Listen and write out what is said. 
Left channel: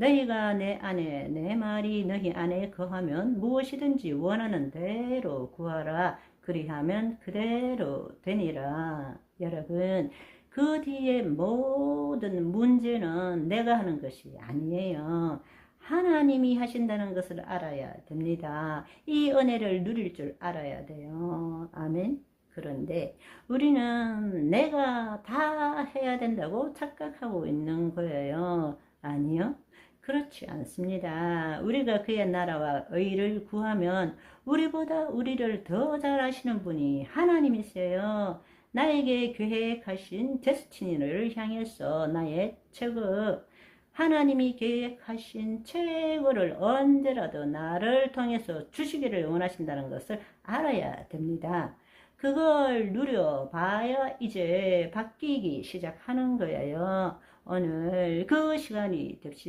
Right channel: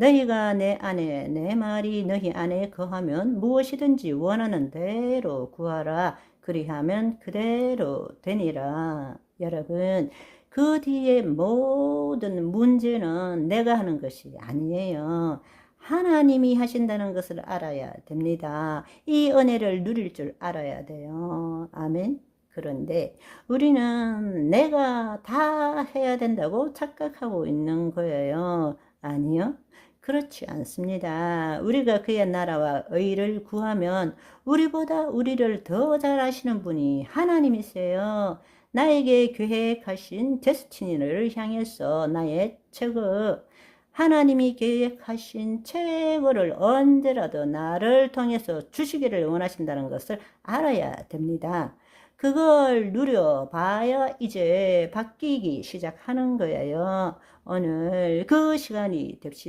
너희가 내 안에 내 말이 너희 안에 거하면 무엇이든지 원하는 대로 구하라. 그리하면 그대로 되니라. 여러분 그 뒤에 모든 문제는 내가 하는 것이 아니에요. 하나님이 하신다는 것을 알아야 됩니다. 이 은혜를 누릴 줄 알아야 돼요. 아멘. 그런데 우리는 내가 다 해야 된다고 착각하고 있는 거예요. 아니요. 그렇지 않습니다. 우리가 그의 나라와 의를 구하면 우리보다 우리를 더 잘하시는 분이 하나님이세요. 나에게 계획하신 데스티니를 향해서 나의 최고 하나님이 계획하신 최고를 언제라도 나를 통해서 주시기를 원하신다는 것을 알아야 됩니다. 그걸 누려봐야 이제 바뀌기 시작하는 거예요. 오늘 그 시간이 됩시다.